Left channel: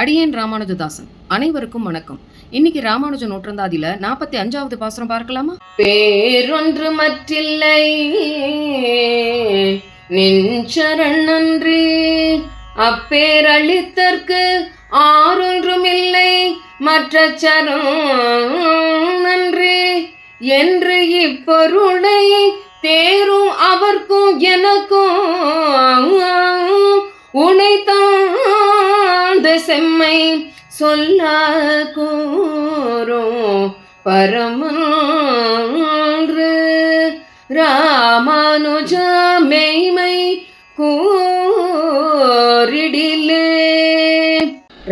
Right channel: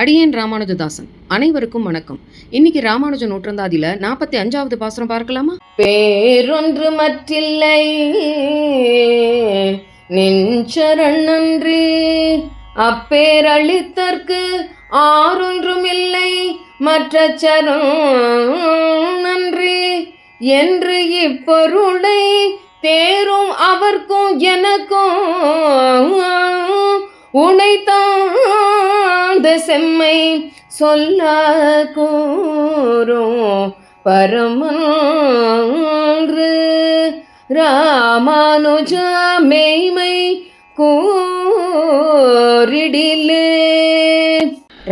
அடியேன் ராமானுஜதாசன். அனைவருக்கும் வணக்கம். இன்னைக்கு ராமானுஜ நூற்றந்தாதில 45வது பாசுரம் பார்க்கலாமா? பேரொன்று மற்றில்லை நின்சரண் நன்றி, அப்பேரளித்தற்கு ஆறொன்றுமில்லை மற்ற சரண் நன்றி என்று இப்பொருளை தேரும் அவர்க்கும் எனக்கும் உனைத்தாந்த செம்மை சொல்ல கூறும் பரமன்று ராமானுஜ மெய்மை கூறிடிலே.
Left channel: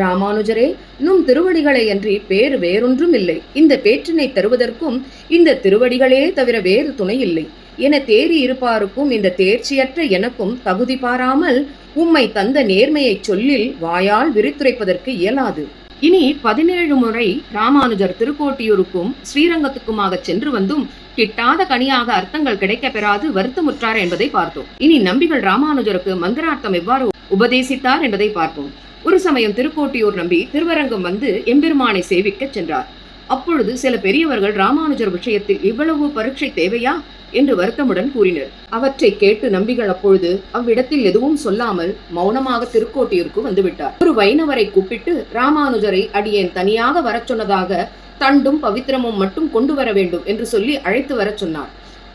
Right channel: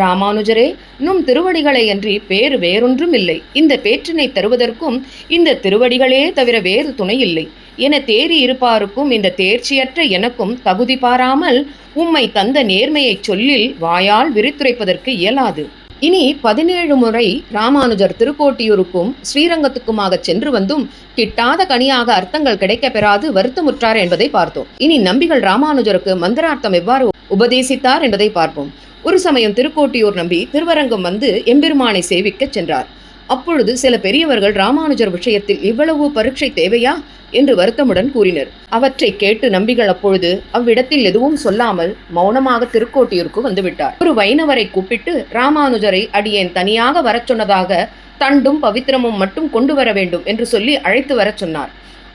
ராமானுஜரே, நும் திருவடிகளை அன்றி பேறு வேறொன்றும் இல்லை. இந்த பேற்றினை தருவதற்கும் இந்த திருவடிகளே தவிர வேறு துணை இல்லை என தேறி இருப்பாருக்கும் இந்த தேர்ச்சியற்ற எனக்கும் தகுதி பாராமல் உம்மை தந்த நேர்மையை சொல்லில் வாயால் விரித்துரைப்பதற்கு இயலாது. இனி 17 முறை ராமானுஜர் திருக்கோட்டியூருக்கும் ஸ்ரீரங்கத்துக்குமாக சென்று வந்தும் கிட்டாத கனியாக அர்த்தங்கள் கிடைக்க பெறாது வருத்தமுற்றார் என்பதை பார்த்தோம். இனி நம்பிகள் ராமானுஜருக்கு மந்திரார்த்தம் எவ்வாறு உபதேசித்தார் என்பதை பார்ப்போம். ஒரு சமயம் திருக்கோட்டியூர் நம்பி திருவரங்கம் வந்து எம்பெருமானை சேவிக்க சென்றார். அப்பொழுது சில பெரியவர்கள் ராமானுஜர் விஷயத்தில் இவ்வளவு பரீட்சை தேவையா என்று வருத்தமுடன் கூறினர். அவற்றை கேட்டு நம்பிகள் அப்பொழுது அவ்விடத்தில் எதுவும் சொல்லாமல் மௌனமாக திருக்கோட்டியூருக்கு வந்துவிட்டார். ஒரு வைணவரை கூப்பிட்டு ராமானுஜரை அடியேன் தனியாக வரச் சொன்னதாக தண்டும் பவித்திரமும் மட்டும் கொண்டு வர வேண்டும் என்று சொல்லி அழைத்து வரச் சொன்னார்.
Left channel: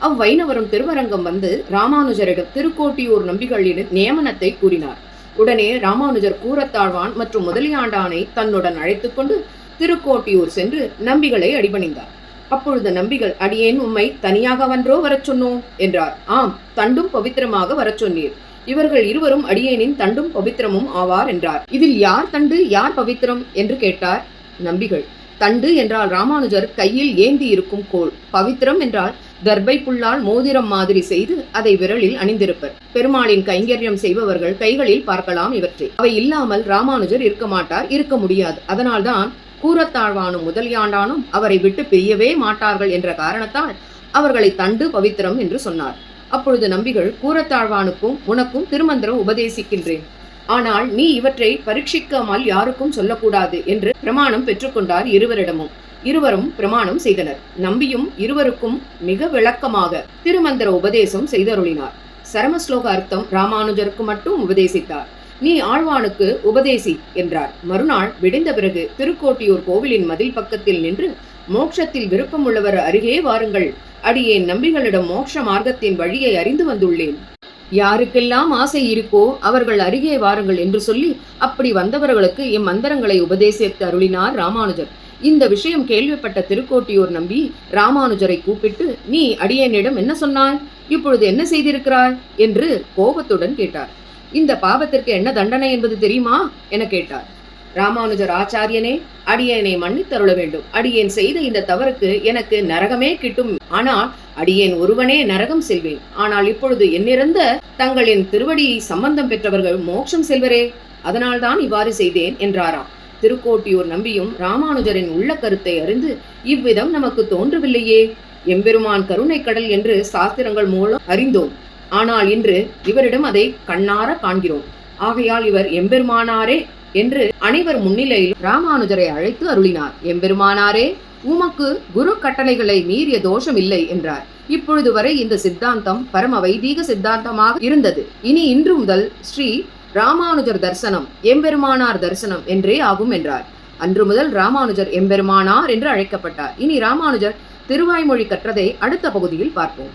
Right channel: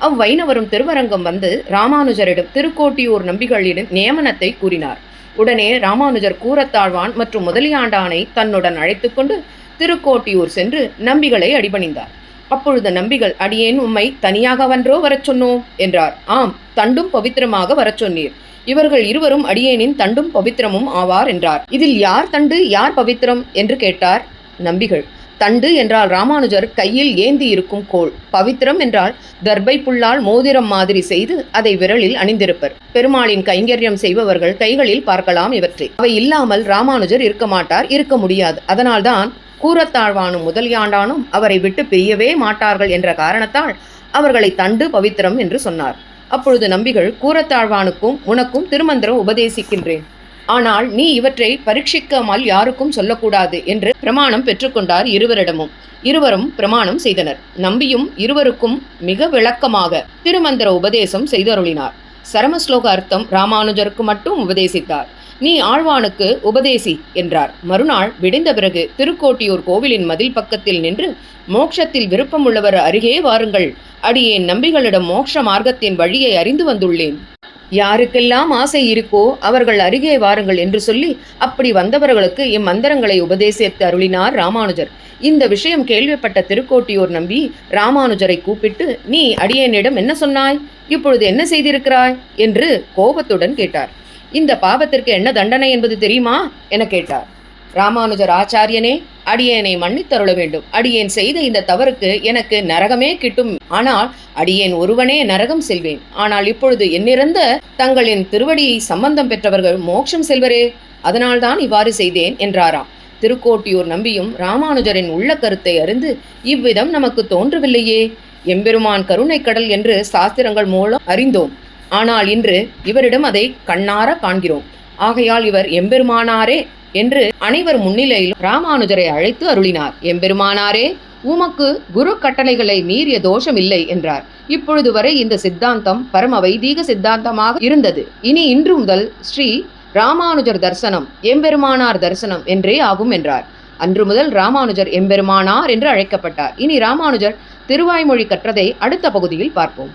அவ்வைணவரும் திருவரங்கம் வந்து ராமானுஜரிடம் திருக்கோட்டியூர் நம்பிகளிடம் நியமனத்தை கூறினார். உடனே ராமானுஜர் கூரத்தாழ்வான் மற்றும் முதலியாண்டானை தன்னுடன் அழைத்து கொண்டு திருக்கோட்டியூர் சென்று நம்பிகளை அடிபணிந்தார். அப்பொழுது நம்பிகள், அடியேன் உம்மை தனியாகவன்றோ வரச் சொன்னோம் என்றார். ஆம், தண்டும் பவித்திரமாக வரச் சொன்னீர். இவர்கள் இருவரும் அடியேனின் தண்டும் பவித்திரமும் ஆவார் என்றார். இதில் யார் தண்டு யார் பவித்திரம் என்று கேட்டார் நம்பிகள். தண்டு என்றால் ராமானுஜர் கையில் ஏந்தி இருக்கும் கோள், பவித்திரம் என்றால் தர்பை புல்லால் மோதிரம் மாதிரி செய்து அதை விரலில் அணிந்திருப்பர். பெருமாளின் கைங்கரியம் செய்பவர்கள் கைகளில் பார்க்கலாம் இவற்றை. அவை இல்லாமல் ராமானுஜர் இருக்க மாட்டார், இருக்க முடியாது. அதனால்தான் கூரத்தாழ்வானும் முதலியாண்டானும் அவரை விட்டு பிரியவே மாட்டார்கள் என்ற காரணத்தால் அவர்களை தண்டு பவித்திரம் என்று சொன்னார். அப்பொழுது நம்பிகள், கூரத்தாழ்வானுக்கும் உனக்கும் திருமந்திரம் உபதேசிக்கின்றேன், ஆனால் நீ இவற்றை பரீட்சிக்காமல் யாருக்கும் சொல்லக்கூடாது என்று பிரமாணம் பெற்றுக்கொண்டார். இருவரும் பிரமாணம் செய்தனர். நம்பியும் இருவருக்கும் மிக விளக்கமாக திருமந்திர உபதேசம் செய்தருளினார். சரமஸ்லோக அர்த்தம் ராமானுஜருக்கு மட்டும் உபதேசித்தார். நீ ஆழ்வானுக்கு உபதேசி என்றார். மறுநாள் விடிந்த பிறகு திருக்கோட்டியூர் கோவிலின் மதில் பக்கத்தில் நின்று, மோட்சத்தில் விருப்பமுள்ளவர் அருகே வாருங்கள், அடியேன் நம்பிகளிடம் மோட்ச மார்க்கத்தின் வழியை அறிந்து வந்துள்ளேன், யாருக்கெல்லாம் ஆசை இருக்கோ அவர்கள் அருகே வாருங்கள் என்று சொல்லி அப்படி வந்தவர்களுக்கு இம்மந்திரங்களை உபதேசித்து அருளினார் ராமானுஜர். இந்த விஷயம் கேள்விப்பட்ட திருக்கோட்டியூர் நம்பி ராமானுஜரை கூப்பிட்டு, நீ அடியேனிடம் என்ன சொன்னாய், இப்பொழுது என்ன செய்திருக்கிறாய் என்று கோபத்துடன் கேட்டார். இந்த பாவத்திற்கு என்ன தண்டனை என்பது தெரியுமா என கேட்டார். ராமானுஜர், ஆச்சாரியனே, அடியேனை மன்னித்தருள வேண்டும். அடியேன் செய்த இந்த தவறுக்கு எனக்கு நரகமே கிட்டும். ஆனால் அடியேன் ஒருவனே நரகம் செல்வேன். ஆனால் இப்பொழுது என்னிறந்த தங்களின் திருவடியை சம்பந்தம் பெற்றவர்கள் மோட்சம் செல்வரே, அதனால்தான் இவ்வாறு செய்தேன் என்றாராம். திருக்கோட்டியூர் நம்பியும் ராமானுஜரின் உள்ள கருத்தை அறிந்து, இவ்விதம் நமக்கு தோன்றவில்லையே, எம்பெருமான் கருணை கடல் என்று சாஸ்திரங்கள் மூலம் அறிந்தோம். ஆனால் இன்று இவரிடம் அதை கண்ணார காண்கிறோம். ஆகையால் இவர் எம்பெருமானாரே என்று அனைவர் முன்னிலையில் ராமானுஜரை அழைத்து அருளினார். எம்பெருமானாரே, உமக்கு குரு கட்டளைகளை மீறிய தோஷம் இல்லை என்றார். இப்பொழுது வரை இந்த சித்தாந்தம் பரம வைதீக சித்தாந்தமாக இருந்தது. இன்று முதல் ஸ்ரீ ராமானுஜர் தரிசனம் எம்பெருமானார் தரிசனம் என்றே ஆகும் என்றார். அன்று முதல் ராமானுஜர் எம்பெருமானார் என்று அழைக்கப்பட்டார். இனி ராமானுஜர் திருவாய்மொழி கற்றதை அடுத்த பகுதியில் பார்ப்போம்.